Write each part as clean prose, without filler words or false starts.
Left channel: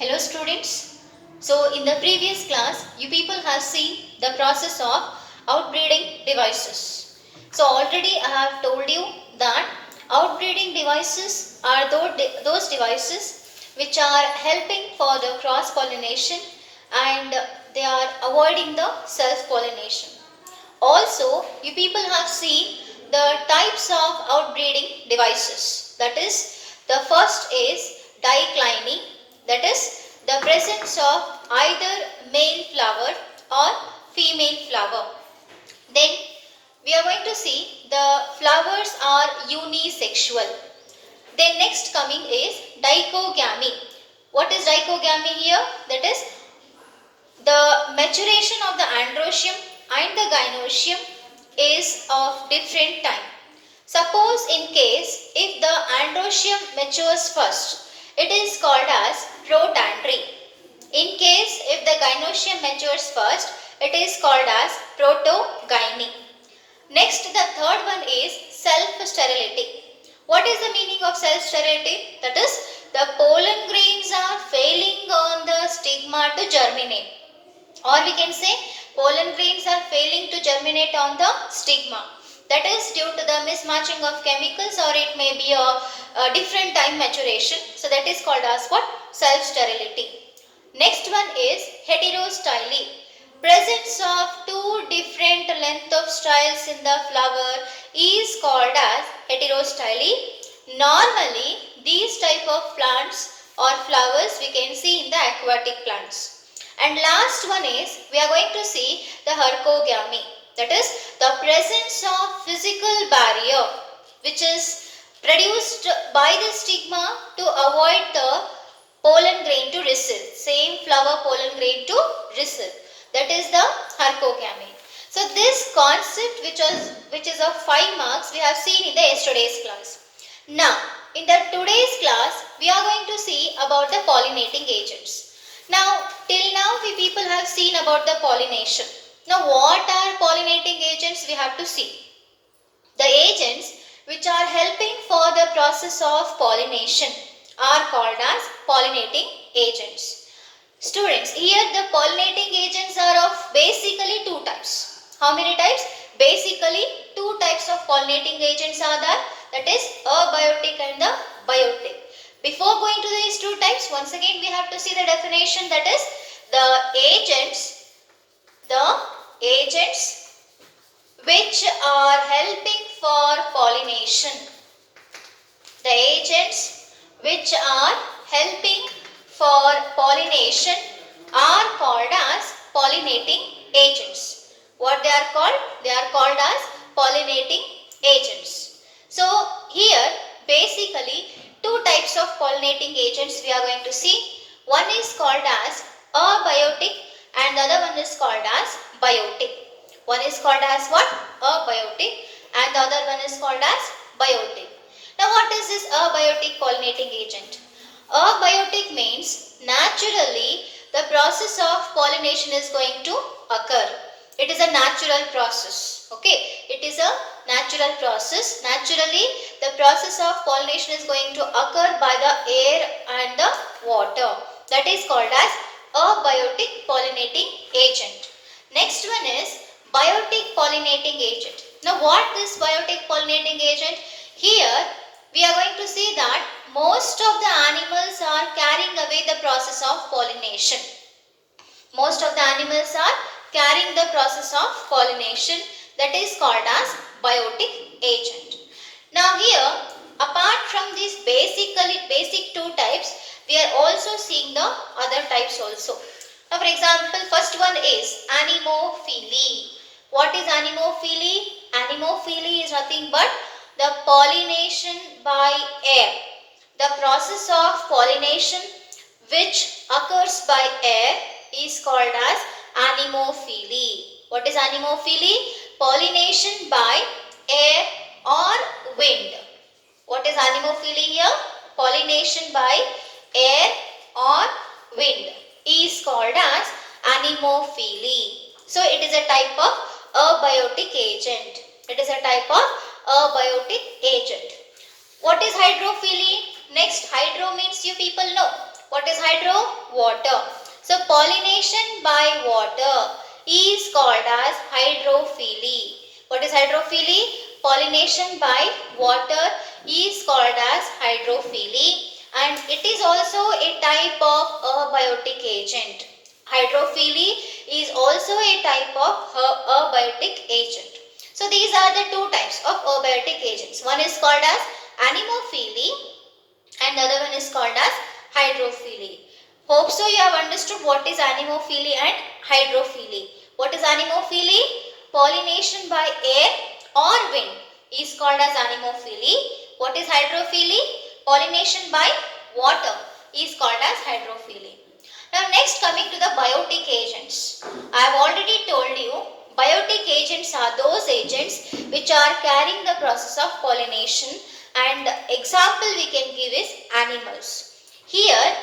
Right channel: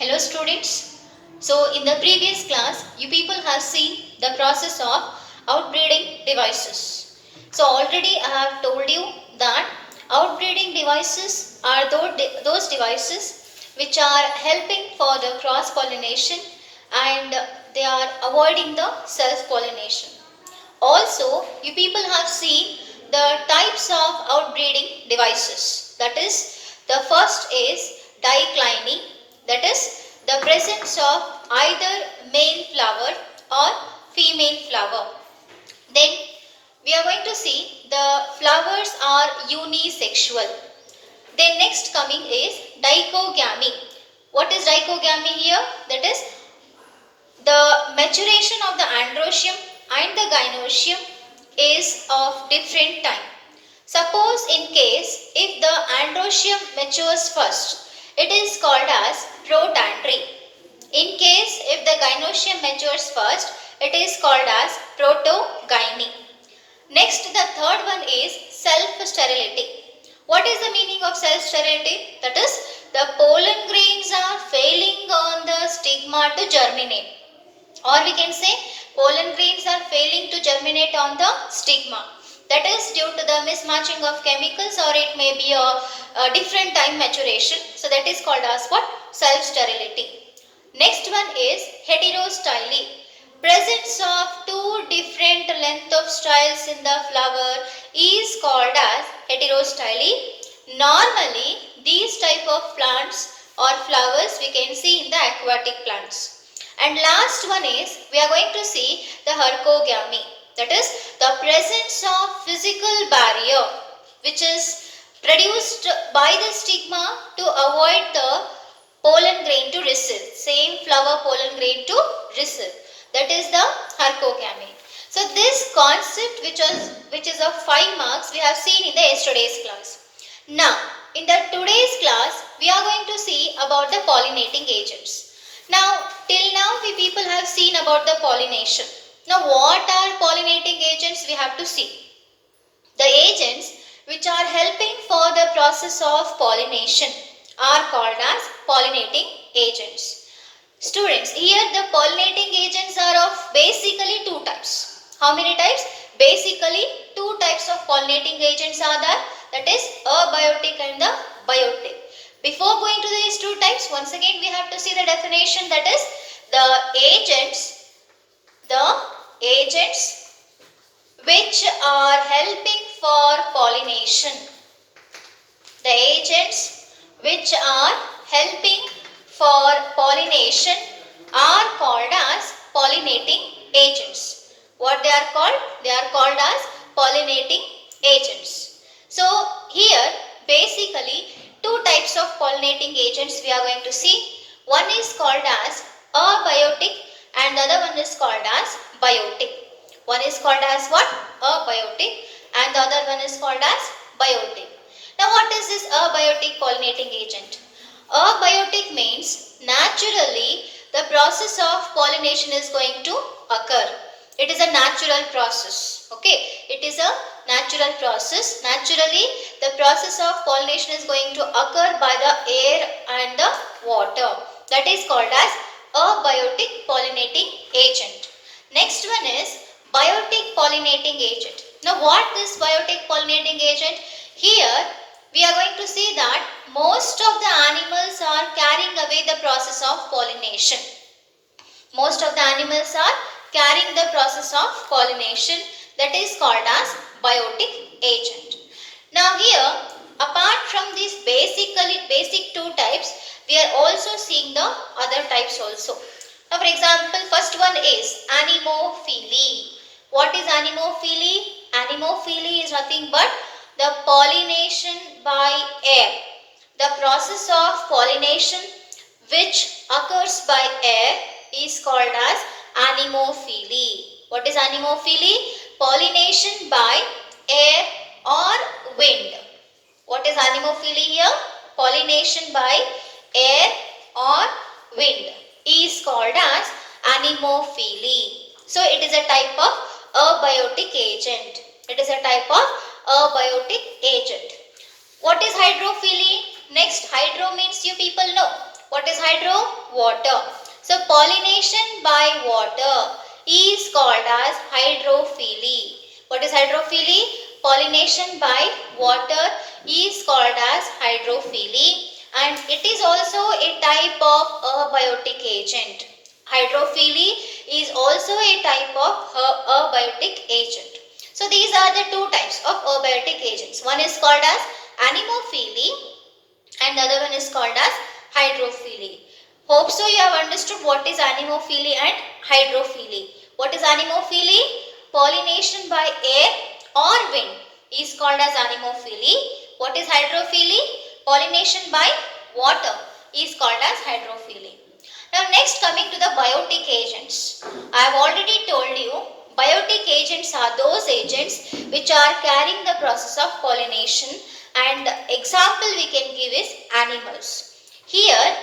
Hello students. So in the previous class, you people have seen the process of outbreeding devices. So already I have told you that outbreeding devices are those devices which are helping for the cross pollination and they are avoiding the self pollination. Also, you people have seen the types of outbreeding devices. That is, the first is diclining, that is, the presence of either male flower or female flower. Then we are going to see the flowers are unisexual. Then next coming is dichogamy. What is dichogamy here? That is the maturation of the androecium and the gynoecium is of different time. Suppose in case if the androecium matures first, it is called as protandry. In case if the gynoecium matures first, it is called as protogyny. Next, the third one is self-sterility. What is the meaning of self-sterility? That is, the pollen grains are failing on the stigma to germinate. Or we can say pollen grains are failing to germinate on the stigma. That is due to the mismatching of chemicals, or it may be a different time maturation. So that is called as what? Self-sterility. Next one is heterostyly. Presence of two different length of styles in the flower is called as heterostyly. Normally these type of plants or flowers we can see in the aquatic plants. And last one is we are going to see the hercogamy. That is the presence of physical barrier which is produced by the stigma to avoid the pollen grain to receive. Same flower pollen grain to receive. That is the hercogamy. So this concept which is of 5 marks we have seen in the yesterday's class. Now in the today's class we are going to see about the pollinating agents. Now till now we people have seen about the pollination. Now what are pollinating agents we have to see. The agents which are helping for the process of pollination are called as pollinating agents. Students, here the pollinating agents are of basically two types. How many types? Basically two types of pollinating agents are there. That is abiotic and the biotic. Before going to these two types, once again we have to see the definition. That is the agents which are helping for pollination. The agents which are helping for pollination are called as pollinating agents. What they are called? They are called as pollinating agents. So here basically two types of pollinating agents we are going to see. One is called as abiotic and the other one is called as biotic. One is called as what? Abiotic and the other one is called as biotic. Now what is this abiotic pollinating agent? Abiotic means naturally the process of pollination is going to occur. It is a natural process. Okay, it is a natural process. Naturally the process of pollination is going to occur by the air and the water. That is called as abiotic pollinating agent. Next one is biotic pollinating agent. Now what is biotic pollinating agent? Here we are going to see that most of the animals are carrying away the process of pollination. Most of the animals are carrying the process of pollination. That is called as biotic agent. Now here, apart from these basic two types, we are also seeing the other types also. Now for example, first one is anemophily. What is anemophily? Anemophily is nothing but the pollination by air. The process of pollination which occurs by air is called as anemophily. What is anemophily? Pollination by air or wind. What is anemophily here? Pollination by air or wind is called as anemophily. So it is a type of abiotic agent. It is a type of abiotic agent. What is hydrophily? Next, hydro means you people know. What is hydro? Water. So pollination by water is called as hydrophily. What is hydrophily? Pollination by water is called as hydrophily, and it is also a type of abiotic agent. Hydrophily is also a type of abiotic agent. So these are the two types of abiotic agents. One is called as anemophily and the other one is called as hydrophily. Hope so you have understood what is anemophily and hydrophily. What is anemophily? Pollination by air or wind is called as anemophily. What is hydrophily? Pollination by water is called as hydrophily. Now next, coming to the biotic agents. I have already told you biotic agents are those agents which are carrying the process of pollination, and the example we can give is animals. Here,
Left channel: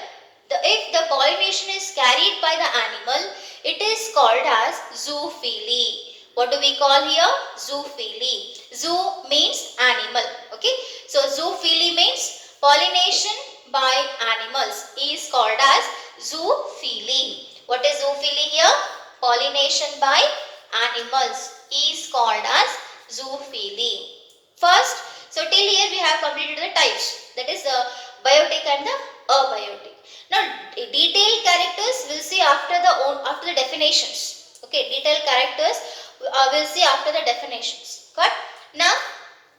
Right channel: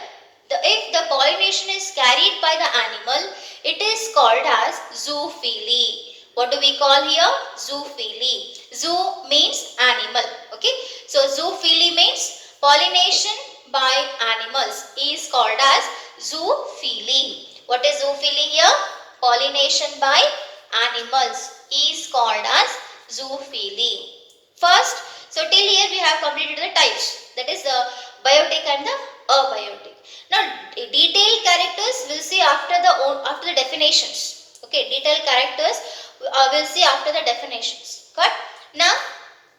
if the pollination is carried by the animal, it is called as zoophily. What do we call here? Zoophily. Zoo means animal. Okay. So zoophily means pollination by animals is called as zoophily. What is zoophily here? Pollination by animals is called as zoophily. First, so till here we have completed the types, that is the biotic and the abiotic. Now detailed characters we'll see after the definitions. Okay, detailed characters we'll see after the definitions. Got? Now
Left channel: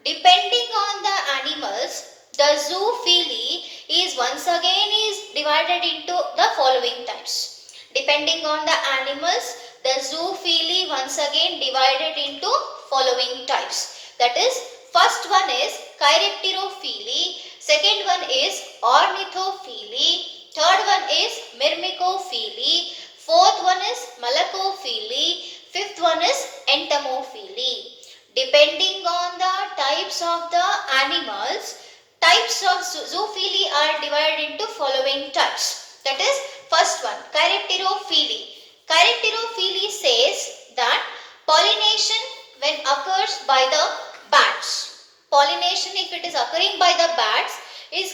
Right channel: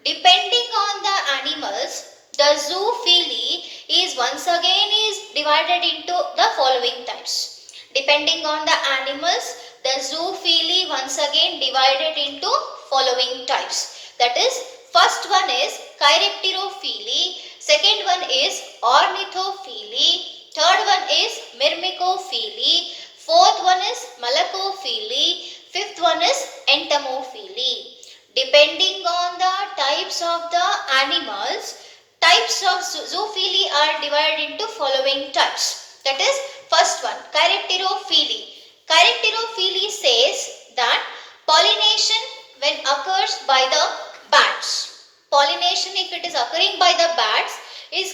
depending on the animals, the zoophily is once again divided into the following types. Depending on the animals, the zoophily once again divided into following types. That is, first one is chiropterophily, second one is ornithophily, third one is myrmecophily, fourth one is malacophily, fifth one is entomophily. Depending on the types of the animals, types of zoophily are divided into following types. That is, first one, chiropterophily. Chiropterophily says that pollination when occurs by the bats. Pollination, if it is occurring by the bats, it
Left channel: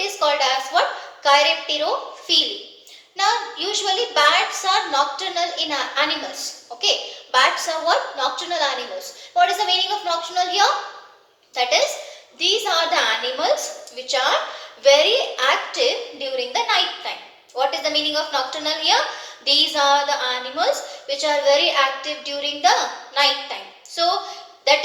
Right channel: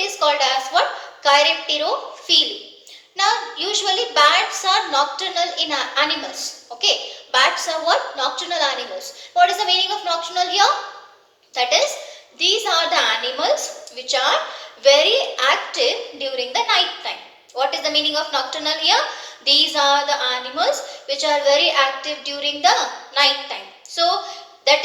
is called as what? Chiropterophily. Now, usually bats are nocturnal in animals. Okay, bats are what? Nocturnal animals. What is the meaning of nocturnal here? That is, these are the animals which are very active during the night time. What is the meaning of nocturnal here? These are the animals which are very active during the night time. So that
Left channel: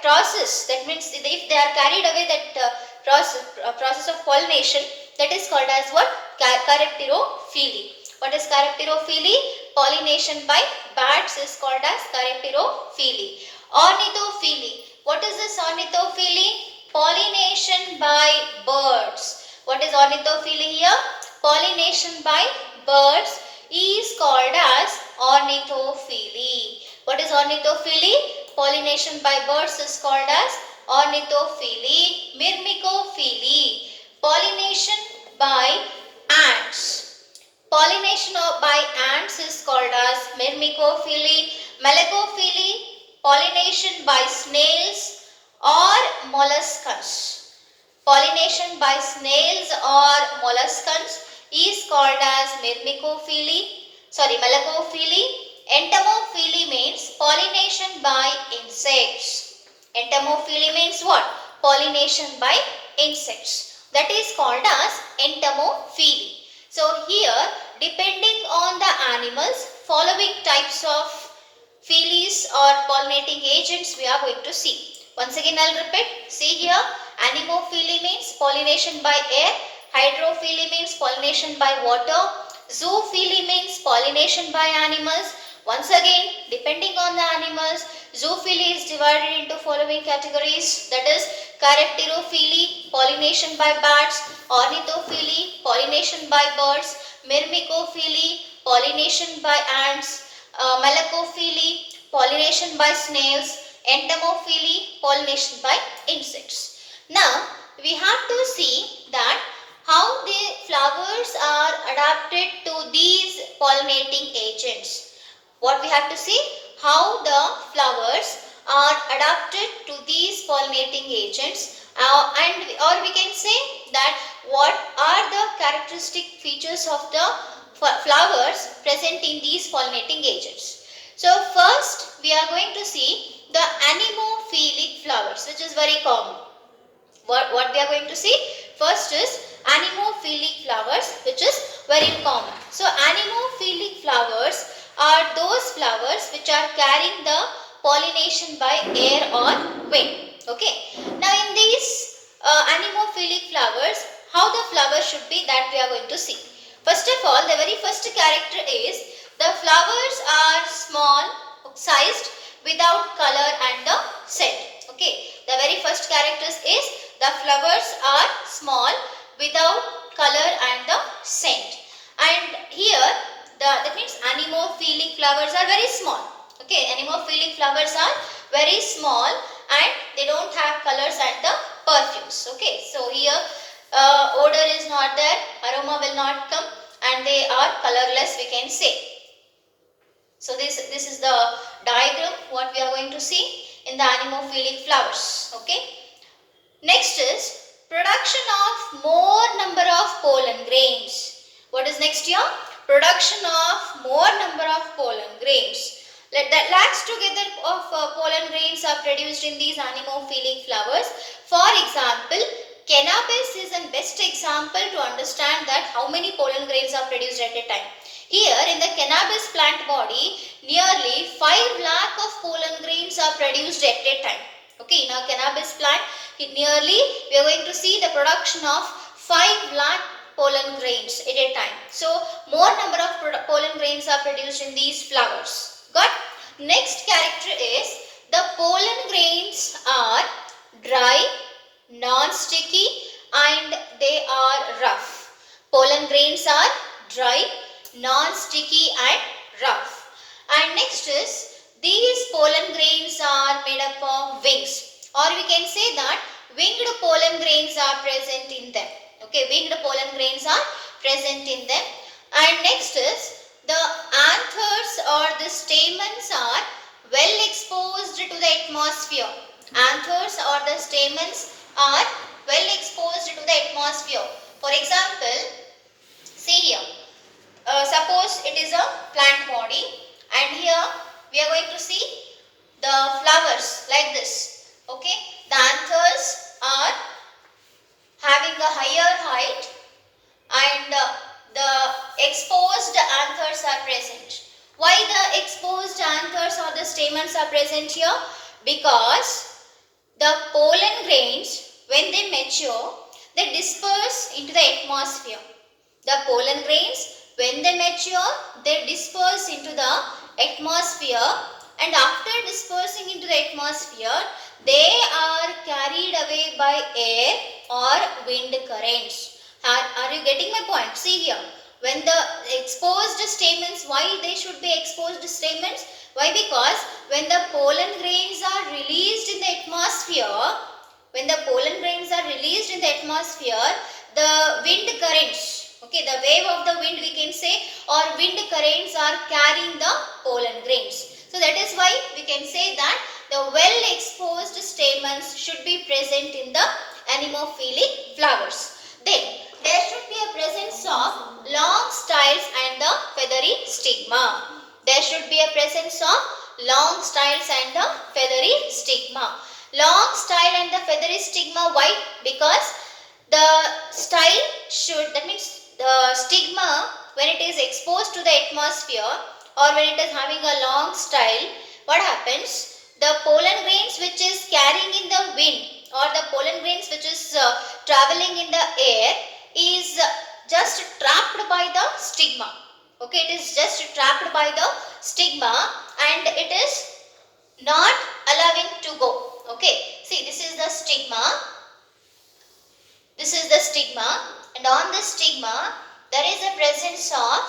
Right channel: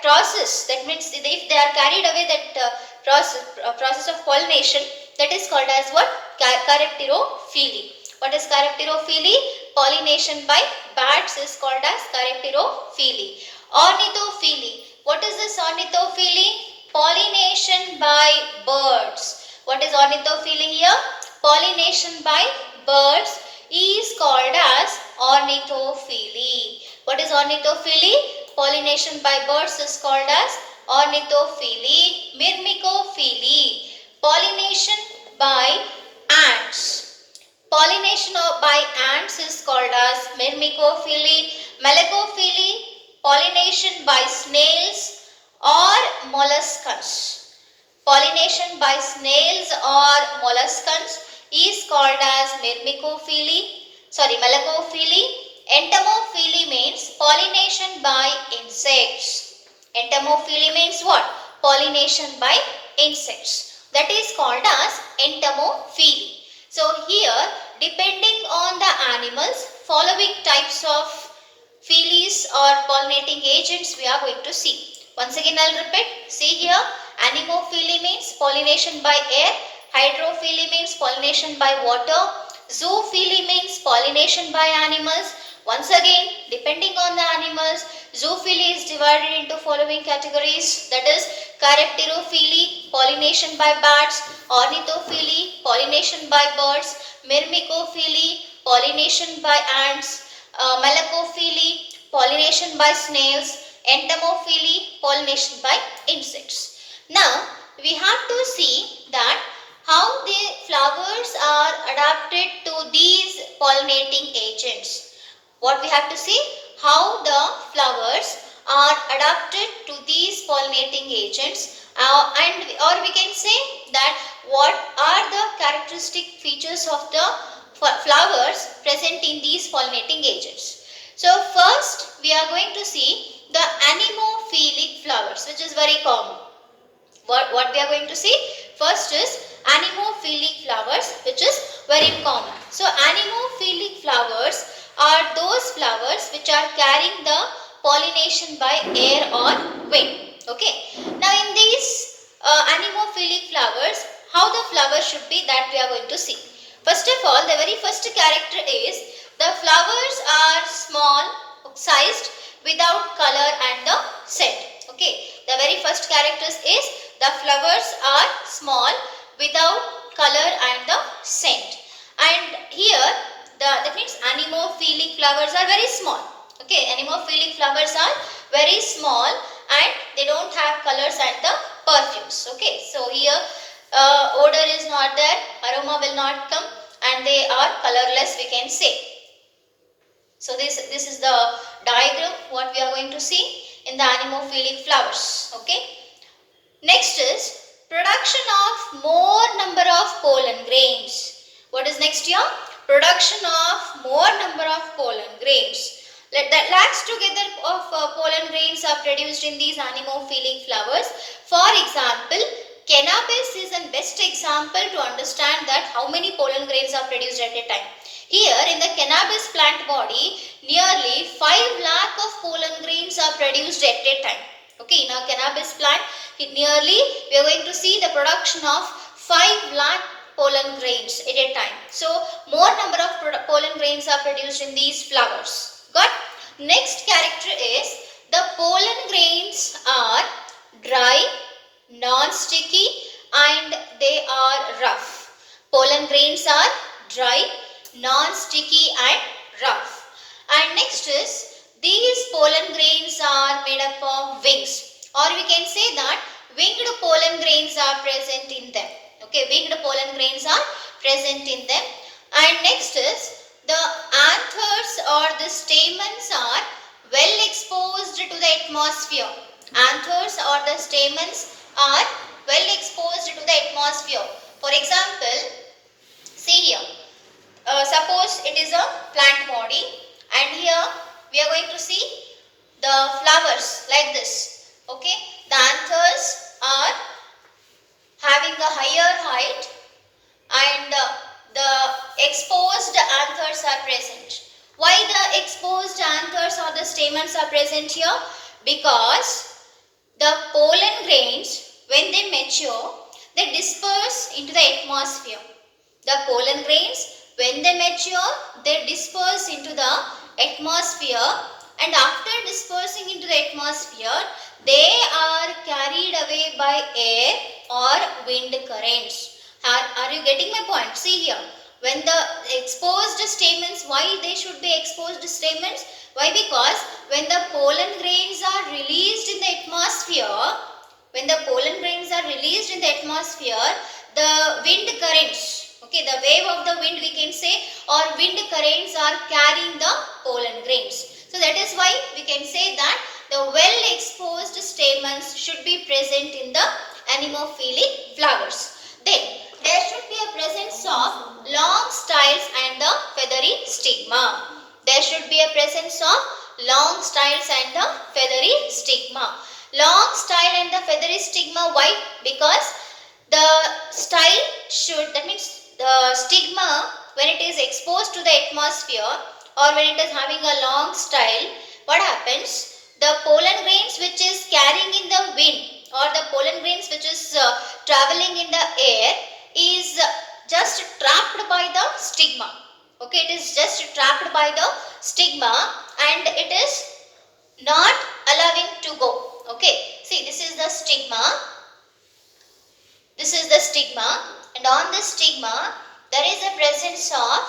process, that means if they are carried away that process of pollination, that is called as what? Chiropterophily. What is chiropterophily? Pollination by bats is called as chiropterophily. Ornithophily. What is this ornithophily? Pollination by birds. What is ornithophily here? Pollination by birds is called as ornithophily. What is ornithophily? Pollination by birds is called as ornithophily. Myrmecophily. Pollination by ants. Pollination by ants is called as myrmecophily. Malacophily. Pollination by snails or molluscans. Pollination by snails or molluscans is called as malacophily. Entomophily means pollination by insects. Entomophily means what? Pollination by insects. That is called as entomophily. So here, depending on the animals, following types of phyllis or pollinating agents we are going to see. Once again I will repeat. See here, anemophily means pollination by air, hydrophily means pollination by water, zoophily means pollination by animals. Once again, depending on the animals, zoophily is divided into following categories, that is chiropterophily, pollination by bats, ornithophily, pollination by birds, myrmecophily, pollination by ants, malacophily, pollination by snails, entomophily, pollination by insects. Now, we have to see that how the flowers are adapted to these pollinating agents. What we have to see? How the flowers are adapted to these pollinating agents, or we can say that what are the characteristic features of the flowers present in these pollinating agents. So first we are going to see the anemophilic flowers, which is very common. What we are going to see first is anemophilic flowers, which is very common. So anemophilic flowers are those flowers which are carrying the pollination by air or wind. Okay. Now in these anemophilic flowers, how the flower should be, that we are going to see. First of all, the very first character is the flowers are small sized without color and the scent. Okay. The very first character is the flowers are small without color and the scent. And here that means anemophilic flowers are very small. Okay, anemophilic flowers are very small and they don't have colors and the perfumes. Okay, so here odor is not there, aroma will not come, and they are colorless, we can say. So this is the diagram what we are going to see in the anemophilic flowers. Okay. Next is production of more number of pollen grains. What is next here? Production of more number of pollen grains. That lakhs together of pollen grains are produced in these anemophilic flowers. For example, cannabis is a best example to understand that how many pollen grains are produced at a time. Here in the cannabis plant body, nearly 5 lakh of pollen grains are produced at a time. Okay, in our cannabis plant, nearly we are going to see the production of 5 lakh pollen grains at a time. So, more number of pollen grains are produced in these flowers. Got? Next character is the pollen grains are dry, non-sticky and they are rough. Pollen grains are dry, non-sticky and rough. And next is these pollen grains are made up of wings, or we can say that winged pollen grains are present in them. Okay, winged pollen grains are present in them. And next is the anthers or the stamens are well exposed to the atmosphere. Anthers or the stamens are well exposed to the atmosphere. For example, see here, suppose it is a plant body and here we are going to see the flowers like this. Okay, the anthers are having a higher height and the exposed anthers are present. Why the exposed anthers or the stamens are present here? Because the pollen grains, when they mature, they disperse into the atmosphere. The pollen grains, when they mature, they disperse into the atmosphere, and after dispersing into the atmosphere, they are carried away by air or wind currents. Are you getting my point? See here, when the exposed stamens, why they should be exposed stamens? Why? Because when the pollen grains are released in the atmosphere, the wind currents, okay, the wave of the wind we can say, or wind currents are carrying the pollen grains. So that is why we can say that the well exposed stamens should be present in the anemophilic flowers. Then there should be a presence of long styles and the feathery stigma. There should be a presence of long styles and the feathery stigma. Long style and the feathery stigma, why? Because the style should, that means the stigma, when it is exposed to the atmosphere or when it is having a long style, what happens? The pollen grains which is carrying in the wind or the pollen grains which is traveling in the air is just trapped by the stigma. Okay, it is just trapped by the stigma and it is not allowing to go. Okay, see, this is the stigma. This is the stigma, and on the stigma there is a presence of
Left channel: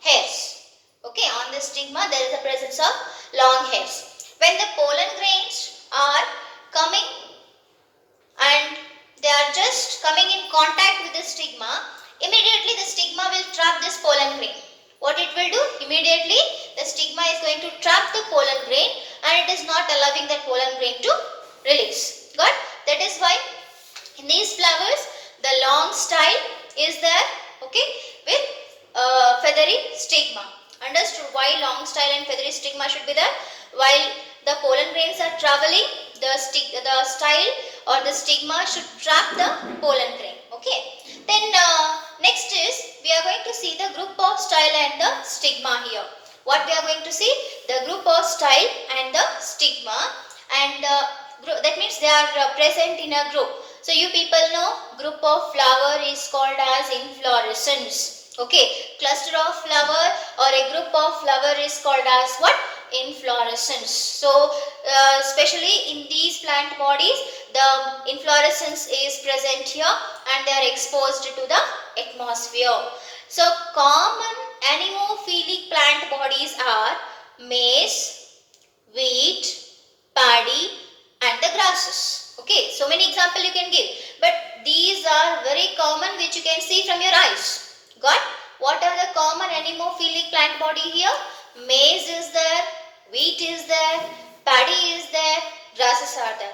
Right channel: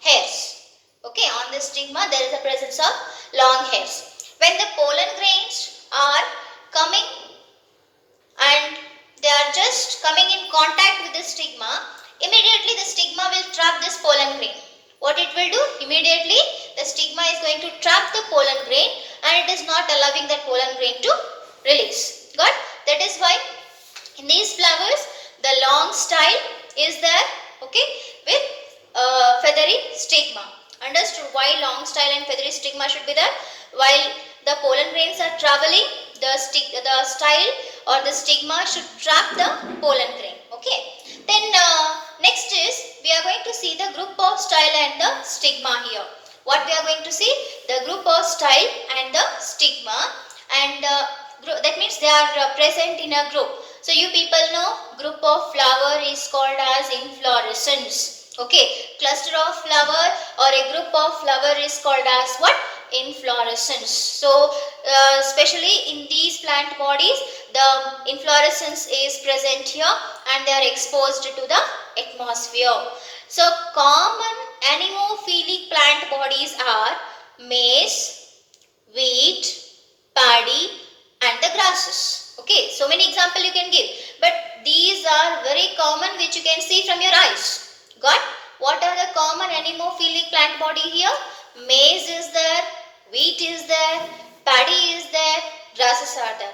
hairs. Okay, on the stigma there is a presence of long hairs. When the pollen grains are coming and they are just coming in contact with the stigma, immediately the stigma will trap this pollen grain. What it will do? Immediately the stigma is going to trap the pollen grain and it is not allowing that pollen grain to release. Got? That is why in these flowers the long style is there, okay, with feathery stigma. Understood why long style and feathery stigma should be there? While the pollen grains are traveling, the style or the stigma should trap the pollen grain. Okay. Then next is we are going to see the group of style and the stigma here. What we are going to see? The group of style and the stigma, and that means they are present in a group. So you people know group of flower is called as inflorescence. Okay, cluster of flower or a group of flower is called as what? Inflorescence. So especially in these plant bodies, the inflorescence is present here and they are exposed to the atmosphere. So common anemophilic plant bodies are maize, wheat, paddy and the grasses. Okay, so many examples you can give, but these are very common which you can see from your eyes. Got? What are the common anemophilic plant body here? Maize is there, wheat is there, paddy is there, grasses are there.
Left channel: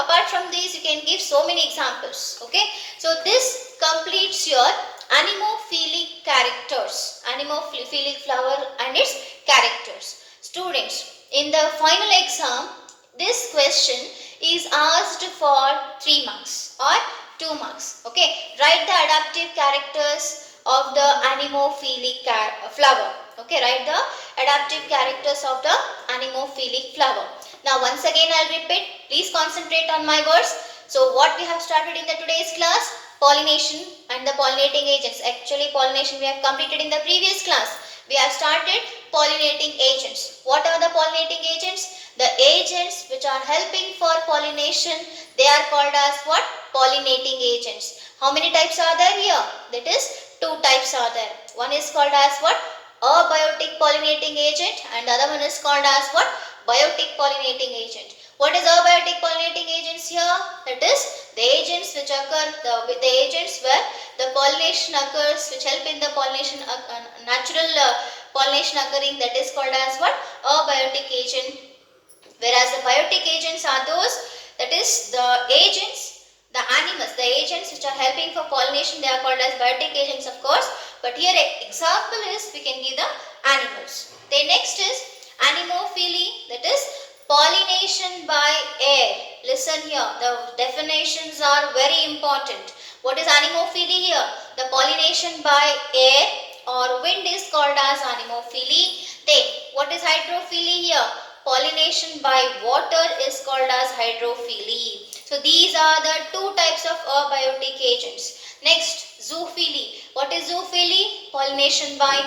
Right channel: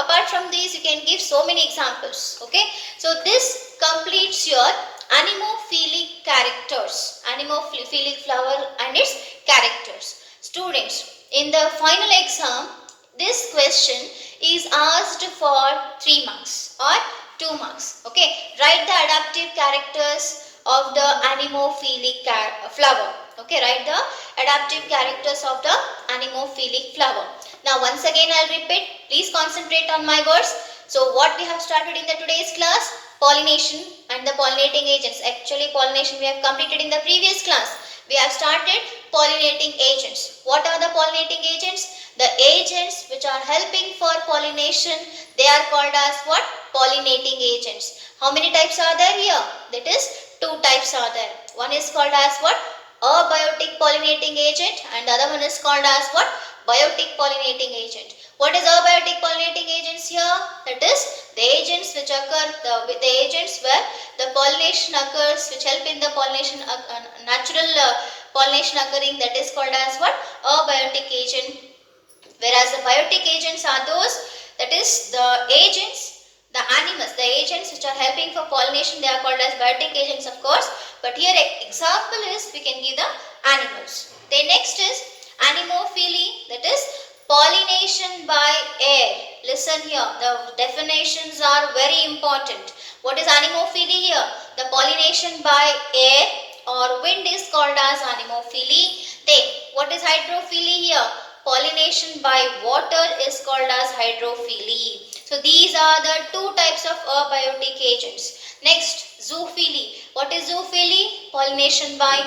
Apart from these, you can give so many examples. Okay, so this completes your anemophilic characters, anemophilic flower and its characters. Students, in the final exam, this question is asked for 3 marks or 2 marks. Okay, write the adaptive characters of the anemophilic flower. Okay, write the adaptive characters of the anemophilic flower. Now once again I will repeat, please concentrate on my words. So what we have started in the today's class? Pollination and the pollinating agents. Actually pollination we have completed in the previous class. We have started pollinating agents. What are the pollinating agents? The agents which are helping for pollination, they are called as what? Pollinating agents. How many types are there here? That is 2 types are there. One is called as what? Abiotic pollinating agent and the other one is called as what? Biotic pollinating agent. What is abiotic pollinating agents here? That is the agents which occur, the agents where the pollination occurs, which help in the pollination, natural pollination occurring, that is called as what? Abiotic agent. Whereas the biotic agents are those, that is the agents, the animals, the agents which are helping for pollination, they are called as biotic agents of course. But here example is we can give the animals. Then next is anemophily, that is pollination by air. Listen here, the definitions are very important. What is anemophily here? The pollination by air or wind is called as anemophily. Then what is hydrophily here? Pollination by water is called as hydrophily. So these are the 2 types of abiotic agents. Next, zoophilia. What is zoophilia? Pollination by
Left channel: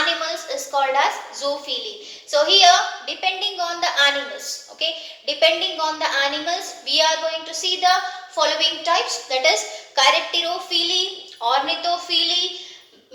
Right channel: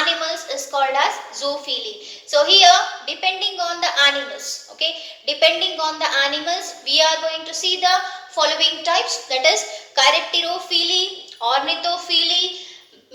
animals is called as zoophilia. So here, depending on the animals, okay, depending on the animals, we are going to see the following types, that is chiropterophily, ornithophily,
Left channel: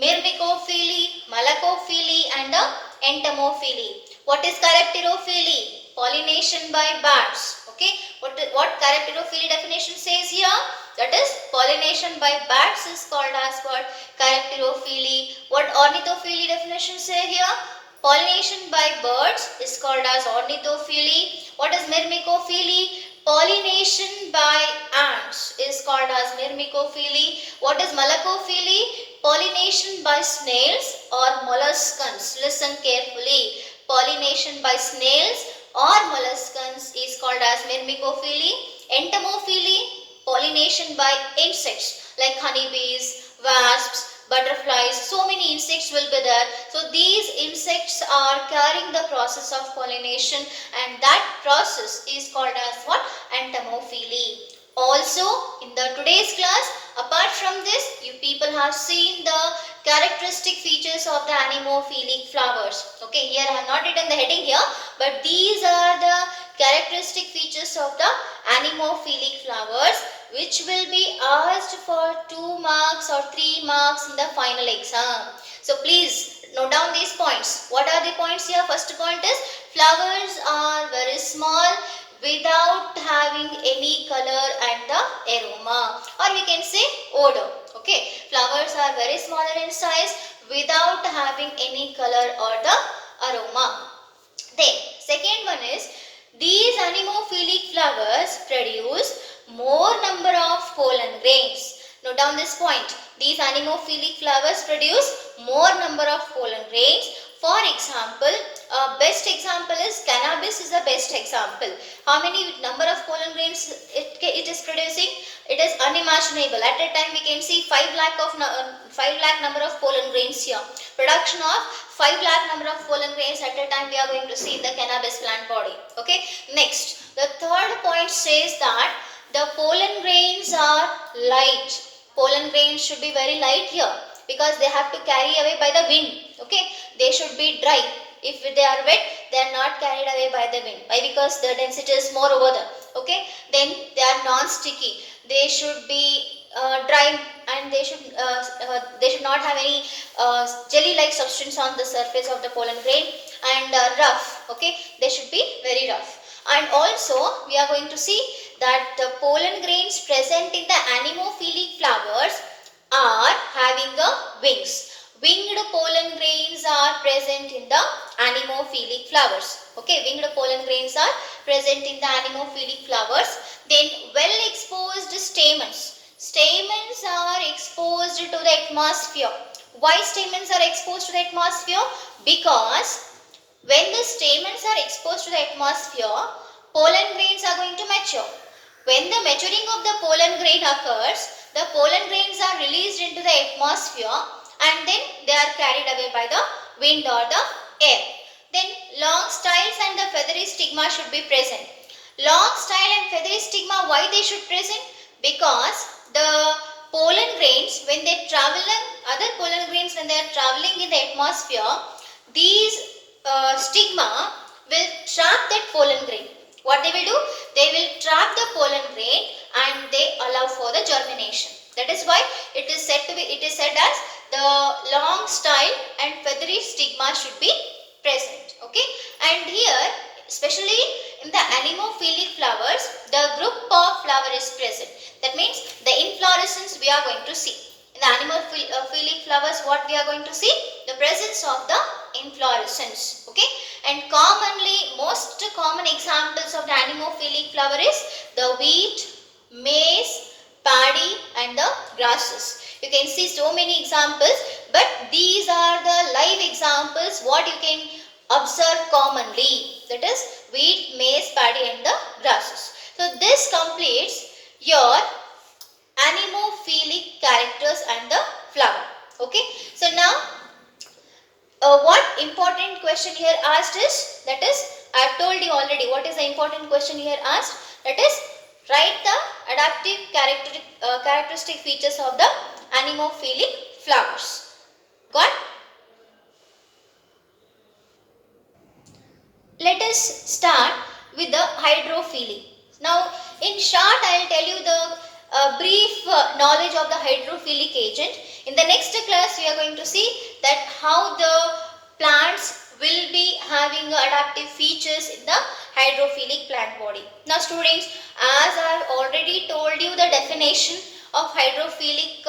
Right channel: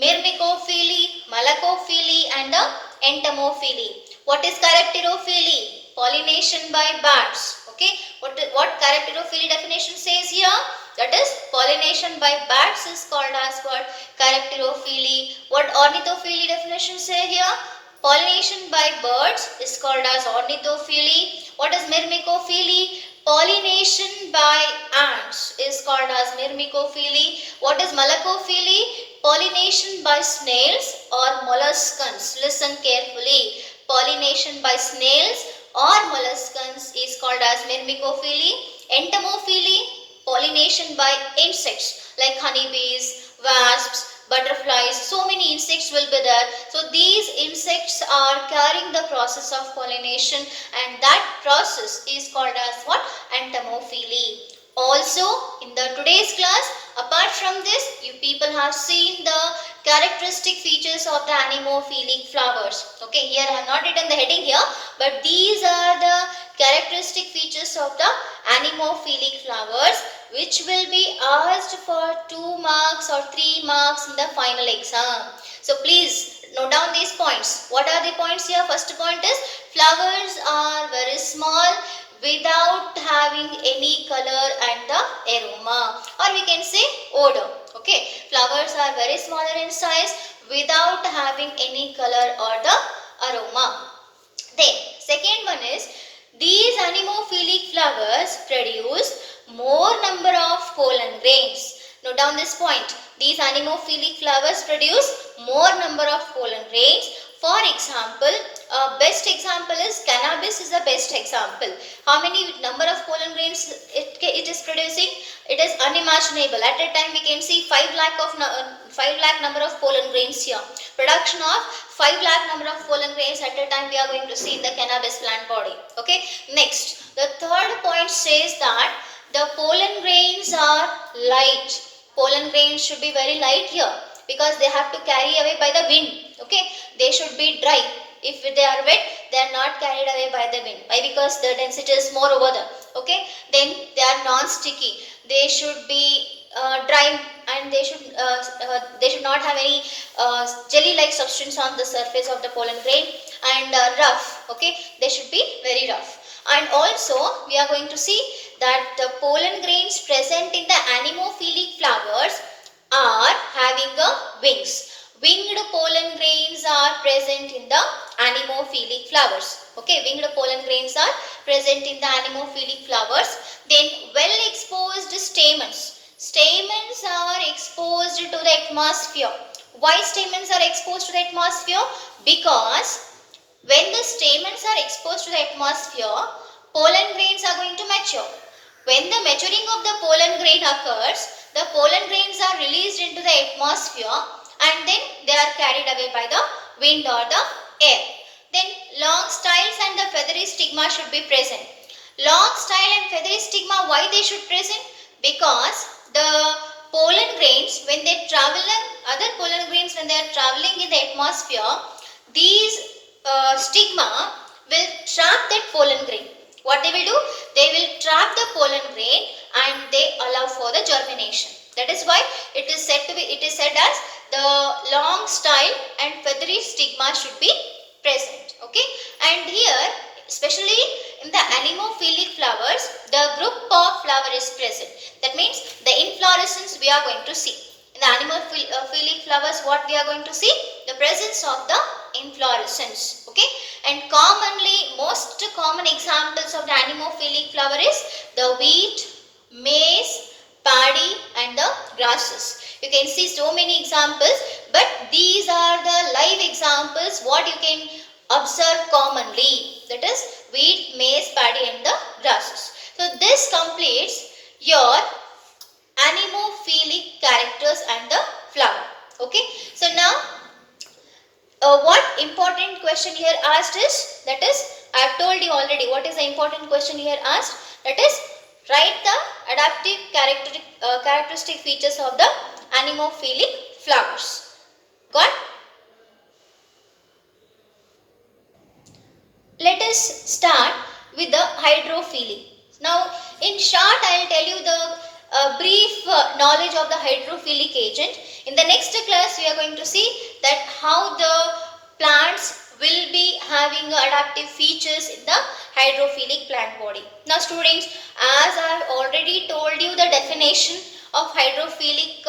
myrmecophily, malacophily and the entomophily. What is chiropterophily? Pollination by bats. Okay, what chiropterophily definition says here? That is pollination by bats is called as what? Chiropterophily. What ornithophily definition say here? Pollination by birds is called as ornithophily. What is myrmecophily? Pollination by ants is called as myrmecophily. What is malacophily? Pollination by snails or molluscans. Listen carefully. Pollination by snails or molluscans is called as myrmecophily. Entomophily, pollination by insects like honeybees, wasps, butterflies, so many insects will be there. So these insects are carrying the process of pollination and that process is called as what? Entomophily. Also in the today's class, apart from this, you people have seen the characteristic features of the anemophilic flowers. Okay, here I have not written the heading here, but these are the characteristic features of the anemophilic flowers which will be asked for 2 marks or 3 marks in the final exam. So please note down these points. What are the points here? First point is flowers are very small without having any color and the aroma, or we can say odor. Okay, flowers are very smaller in size without having any color or the aroma. Then second one is these anemophilic flowers produce more number of pollen grains. Note down this point. These anemophilic flowers produce more number of pollen grains. For example, best example is cannabis is the best example. How many number of pollen grains it is producing? It is unimaginable. At a time we can see 5 lakh number of pollen grains here. Production of 5 lakh number of pollen grains at a time we are going to see in the cannabis plant body. Okay. Next, the third point says that the pollen grains are light. Pollen grains should be very light here because they have to carry away by the wind. Okay, they should be dry. If they are wet, they are not carried away by the wind. Why? Because the density is more over there. Okay, then they are non-sticky. They should be dry, and they should not have any jelly-like substance on the surface of the pollen grain, and rough. Okay, they should be very rough. And also we are going to see that the pollen grains present in the anemophilic flowers are having wings. Winged pollen grains are present in the anemophilic flowers. Okay, winged pollen grains are present in the anemophilic flowers. Then well exposed stamens. Stamens are exposed to the atmosphere. Why stamens are exposed to the atmosphere? Because when the stamens are exposed to the atmosphere, pollen grains are going to mature. When the maturing of the pollen grain occurs, the pollen grains are released into the atmosphere and then they are carried away by the wind or the air. Then long styles and the feathery stigma should be present. Long style and feathery stigma, why they should present? Because the pollen grains, when they travel, other pollen grains when they are traveling in the atmosphere, these stigma will trap that pollen grain. What they will do? They will trap the pollen grain and they allow for the germination. That is why it is said as the long style and feathery stigma should be present. Okay, and here especially in the anemophilic flowers, the group of flower is present. That means the inflorescence we are going to see. In the anemophilic flowers, what we are going to see? The presence of the inflorescence. Okay, and commonly, most common examples of the anemophilic flower is the wheat, maize, paddy and the grasses. You can see so many examples, but these are the live examples what you can observe commonly. That is wheat, maize, paddy and the grasses. So this completes your anemophilic characters and the flower. Okay. So now what important question here asked is, that is, I have told you already what is the important question here asked, that is, write the adaptive characteristic features of the anemophilic flowers. Got? Let us start with the hydrophily. Now, in short, I will tell you the brief knowledge of the hydrophilic agent. In the next class, we are going to see that how the plants will be having adaptive features in the hydrophilic plant body. Now, students, as I have already told you the definition of hydrophilic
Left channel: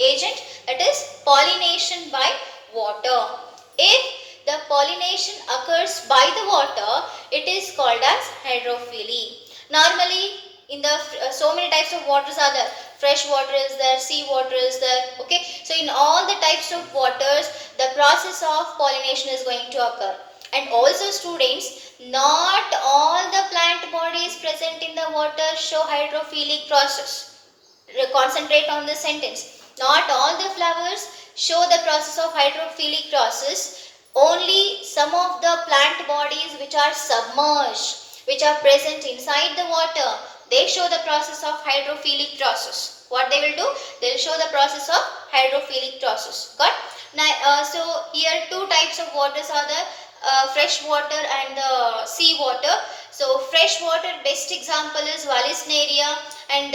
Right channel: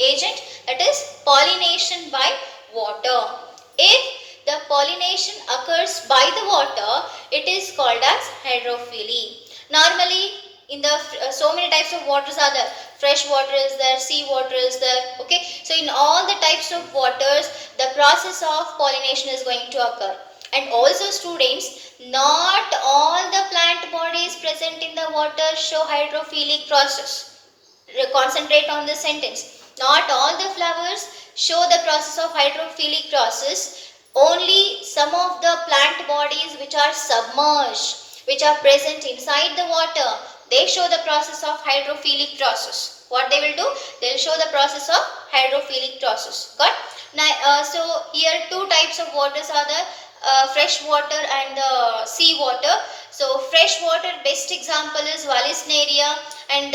agent, that is pollination by water. If the pollination occurs by the water, it is called as hydrophily. Normally, in the so many types of waters are there. Fresh water is there, sea water is there. Okay, so in all the types of waters, the process of pollination is going to occur. And also, students, not all the plant bodies present in the water show hydrophilic process. Concentrate on this sentence. Not all the flowers show the process of hydrophilic process. Only some of the plant bodies which are submerged, which are present inside the water, they show the process of hydrophilic process. What they will do? They will show the process of hydrophilic process. Got? Now, so here two types of waters are there, fresh water and sea water. So fresh water best example is Vallisneria, and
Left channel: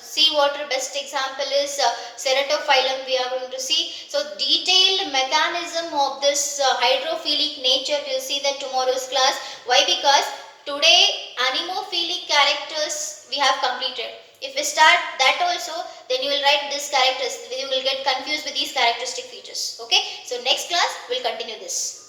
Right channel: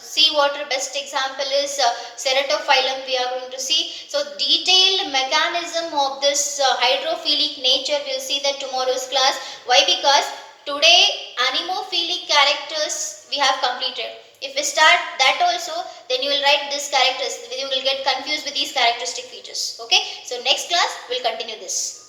sea water best example is Ceratophyllum we are going to see. So detailed mechanism of this hydrophilic nature we will see that tomorrow's class. Why? Because today anemophilic characters we have completed. If we start that also, then you will write this characters, you will get confused with these characteristic features. Okay. So next class we will continue this.